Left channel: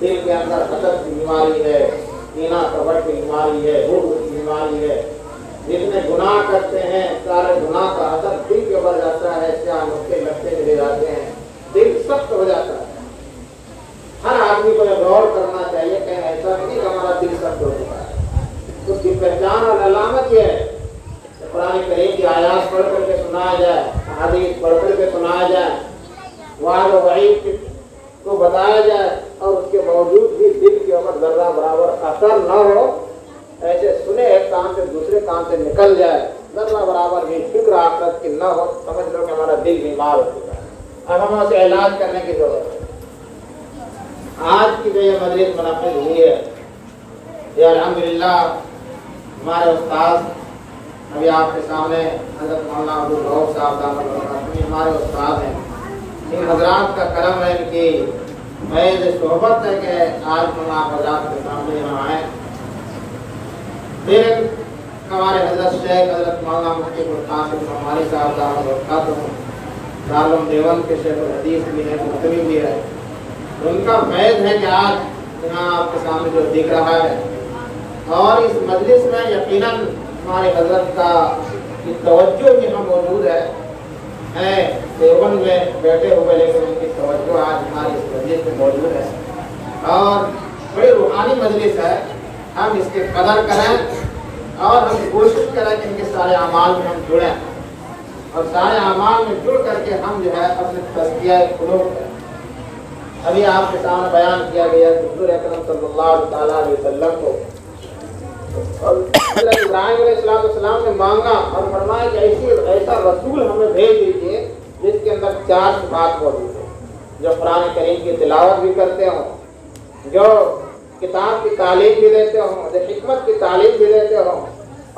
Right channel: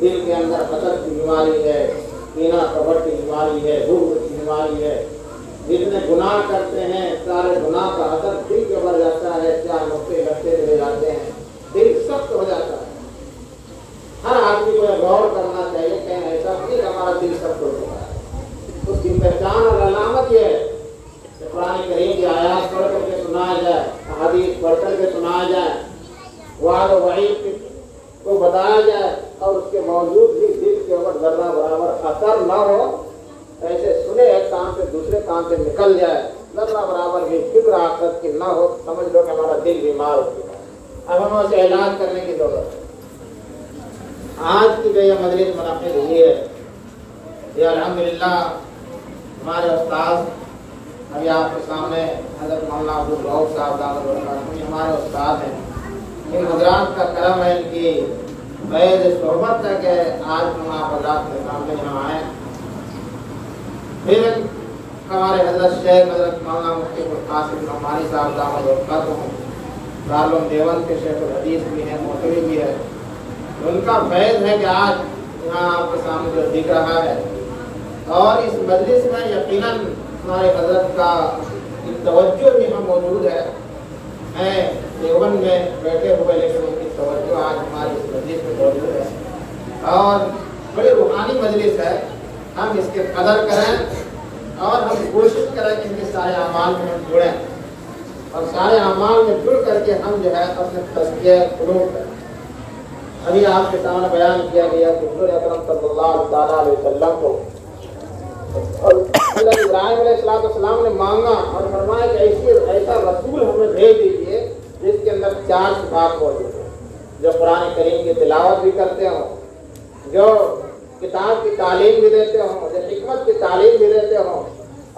دل کے اندر حسد کی بیماری ہے، کینہ کپٹ کی بیماری ہے، بغض کی بیماری ہے، جتنے گناہ کرتے ہیں سارے گناہ کا اثر دل کے اوپر جاتا ہے، کیا نقطے لگتے چلے جاتے ہیں، دل سخت ہو جاتا ہے۔ ہر آدمی کو یہ غور کرنا چاہیے کہ ایسا نہیں کہ ہمارا دل سخت ہو چکا ہے۔ اس کی پہچان اور علامت یہ ہے کہ قرآن کریم کی آیات پڑھ کر کے سنایا جائے، حدیث پڑھ کر کے سنایا جائے، وعد و وعید کو بتایا جائے، اور اس کے باوجود بھی دل کے اوپر ذرہ برابر اثر نہ ہو، ایسے سنے ایک کام سے دوسرے کام سے نکل جائے، ذرہ برابر بھی فکر آخرت کی نہ ہو، سمجھ لو کہ ہمارا دل بیمار ہو چکا ہے، اب ہمیں اسے علاج کرنے کی ضرورت ہے۔ آج کی جو یہ مجلس منعقد ہوئی ہے یہ الحمدللہ ہمارے استاد ابھی آپ کے سامنے حضرت مولانا عبدالرؤف صاحب ہمارے استاد ہیں، ان حضرات کا کرم ہے، ان کی محض صحبت ہے کہ آج ہم آپ حضرات کے سامنے یہاں آئے۔ پھر ہمارے حضرت شیخ حضرت مولانا مفتی القاسم نعمانی صاحب دامت برکاتہ دارالعلوم دیوبند کے شیخ الحدیث بھی ہیں، مقری بھی ہے، ان کا فیض ہے کہ آج یہاں آپ کے سامنے جو دکھ رہا ہے، اور اس مجلس میں یقیناً ہمارے حضرت کا توجہ بھی ہم موجود ہے دیوبند میں بیٹھے ہوئے، لیکن ان کی توجہ آج ہماری اس مجلس میں موجود ہے، اور بڑی روحانی مجلس ہے۔ ہم اس کی قدر کریں اور ہم کوشش کریں کہ ان کے سارے اعمال میں ہم جڑیں، اور سارے اعمال میں جڑ کر کے ہم جو ہے اپنے تزکیہ قلوب کریں۔ ابھی آپ کے سامنے بیان کیا گیا کہ حضور اکرم صلی اللہ تعالیٰ علیہ وسلم کو حضرت ابراہیم علیہ السلام نے مانگا اور فرمایا کہ ایسا رسول ہمیں بھیج دیجیے جس کے اندر 4 صفات موجود ہیں، جو قرآن کریم کی تلاوت بھی کرتے ہوں، جو کتاب کی تعلیم بھی دیتے ہوں، جو حکمت کی تعلیم بھی دیتے ہوں،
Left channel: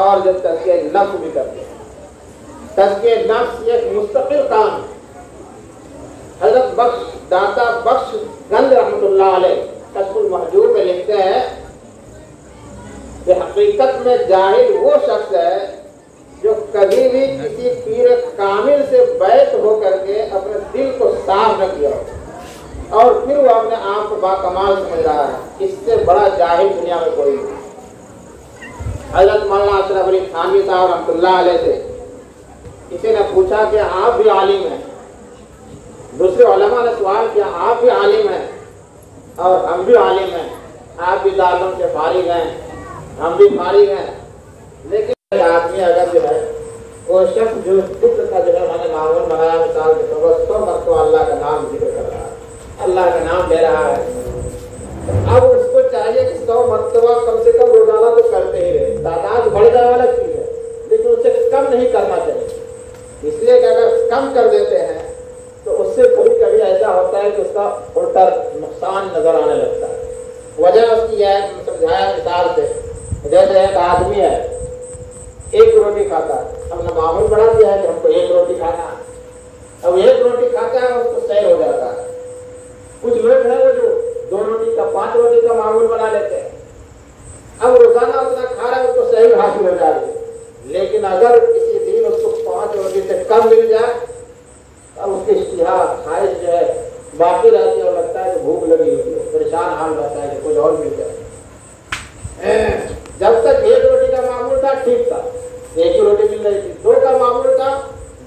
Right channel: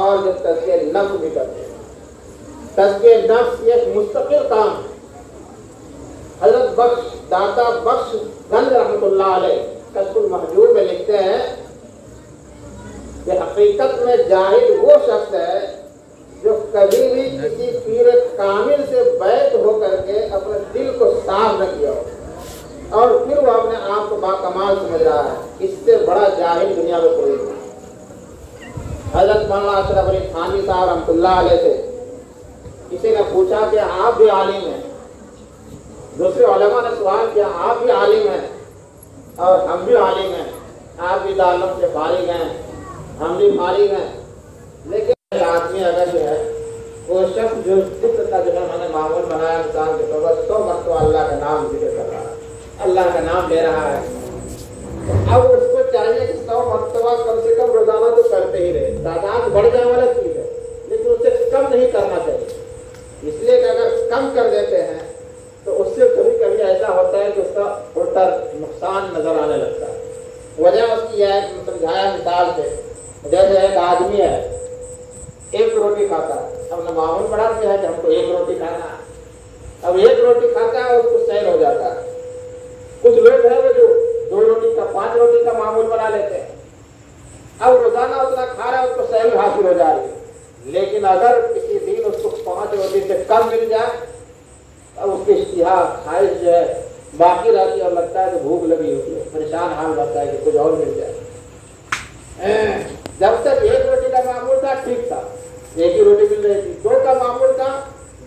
اور جو تزکیہ نفس بھی کرتے ہیں۔ تزکیہ نفس یہ ایک مستقل کام ہے۔ حضرت بخش داتا بخش گنج رحمۃ اللہ علیہ کشف المحجوب میں لکھتے ہیں کہ حقیقت میں جاہل وہ شخص ہے جو کبھی بھی کسی پیر کامل سے بیعت ہو کر کے اپنے دل کو صاف نہ کیا ہو، اور پھر وہ اپنے آپ کو باکمال سمجھ رہا ہے، اس سے بڑا جاہل دنیا میں کوئی نہیں۔ حضرت مولانا اشرف علی تھانوی صاحب رحمۃ اللہ علیہ سے کسی نے پوچھا کہ آپ بھی عالم ہیں، دوسرے علماء نے سوال کیا آپ بھی عالم ہیں اور ہم بھی عالم ہیں، آپ بھی دارالعلوم سے فارغ ہیں، ہم بھی فارغ ہیں، لیکن آدمی اگر جو ہے وہ شخص جو ذکر کا جو ہے ہم نے معمول بنایا مثال کے طور پر 100 مرتبہ اللہ کا نام ذکر کر رہا ہے، اللہ کا نام لے رہا ہے، اب اس کو چاہیے کہ 100 مرتبہ کم سے کم روزانہ تو کرتے ہی رہے، تعداد بڑھ جائے والا چیز ہے، لیکن اسے کم نہیں کرنا چاہیے، اس لیے کہ اگر کم کر دیتے ہیں تو اس سے کبھی کبھی ایسا ہوتا ہے کہ اس کا الٹا نقصان نظر آنے لگتا ہے۔ وجہ اس کی ہے سمجھایا مثال سے، جیسے ایک آدمی ہے 1 روٹی کھاتا ہے، ہم نے معمول بنا دیا ہے کہ ہم کو 1 روٹی کھانا ہے، اب 1 روٹی کھاتا ہے اور اس کو سیر ہو جاتا ہے۔ کچھ لوگ ہیں وہ جو 2 روٹی کا 5 روٹی کا معمول بنا لیتے ہیں، اب روزانہ اتنا کھا رہا ہے اس کو صحیح حاصل ہو جا رہی ہے، لیکن اگر کسی دن اس کو 5 روٹی سے کم مل جائے اب اس کی اشتہا خواہش جو ہے باقی رہتی ہے، اور لگتا ہے کہ بھوک لگی ہوتی ہے، پریشان حال رہتا ہے کہ کچھ اور مل جائے۔ جب تک 1 روٹی کا معمول تھا ٹھیک تھا، 1 ہی روٹی مل رہی تھی، 2 کا معمول تھا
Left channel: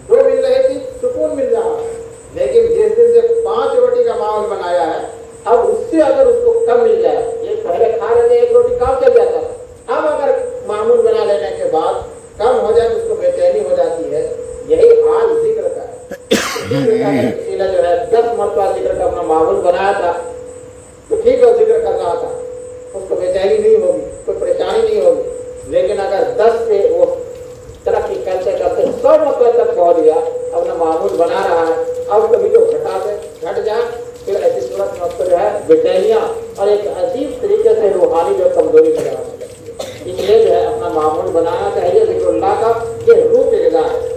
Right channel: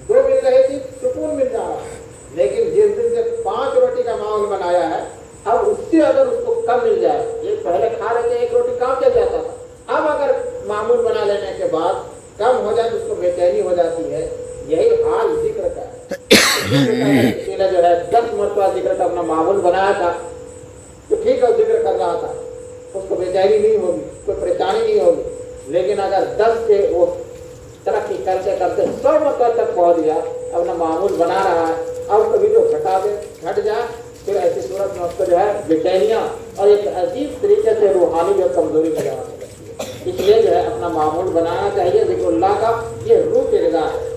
2 مل رہی تھی، سکون مل جا رہا، لیکن جس دن سے 5 روٹی کا معمول بنایا ہے اب اس سے اگر اس کو کم مل جائے، یہ پہلے کھا رہے تھے 1 روٹی کام چل جاتا تھا، اب اگر معمول بنا لینے کے بعد کم ہو جائے تو اس کو بے چینی ہو جاتی ہے۔ یہی حال ذکر کا ہے، کسی نے جو ہے 10 مرتبہ ذکر کا اپنا معمول بنایا تھا تو ٹھیک ہے ذکر کر رہا تھا، اس کو بے چینی نہیں ہوگی، کوئی پریشانی نہیں ہوگی، لیکن اگر 10 پہ وہ ترقی کرتے کرتے 100 مرتبہ تک پہنچ گیا، اپنا معمول بنا رہا ہے، اب کبھی تو گھٹ جائے، پھر ایسی صورت میں اس کو جو ہے بے چینیاں اور ایک عجیب طریقے سے روحانی جو کمزوری نظر آنے لگتی ہے۔ اس لیے جو ہے اپنا معمول بنانا چاہیے، ذکر اللہ کا یہ روح کی غذا ہے۔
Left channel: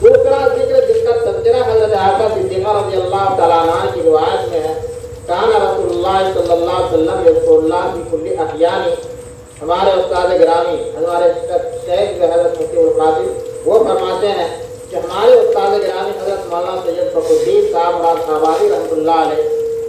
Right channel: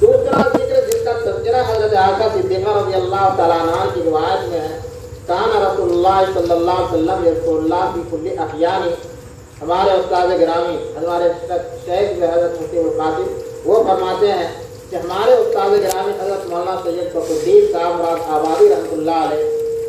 دوسرا ذکر جس کا تذکرہ حضرت عائشہ صدیقہ رضی اللہ تعالیٰ عنہ کی روایت میں ہے، کان رسول اللہ صلی اللہ علیہ وسلم یذکر اللہ فی کل احیان، ہمارے استاد گرامی ہمارے شیخ حضرت مفتی القاسم وہ فرماتے ہیں کہ ہمارے استاد گرامی حضرت مولانا سید فخر الدین صاحب مراد آبادی رحمۃ اللہ علیہ،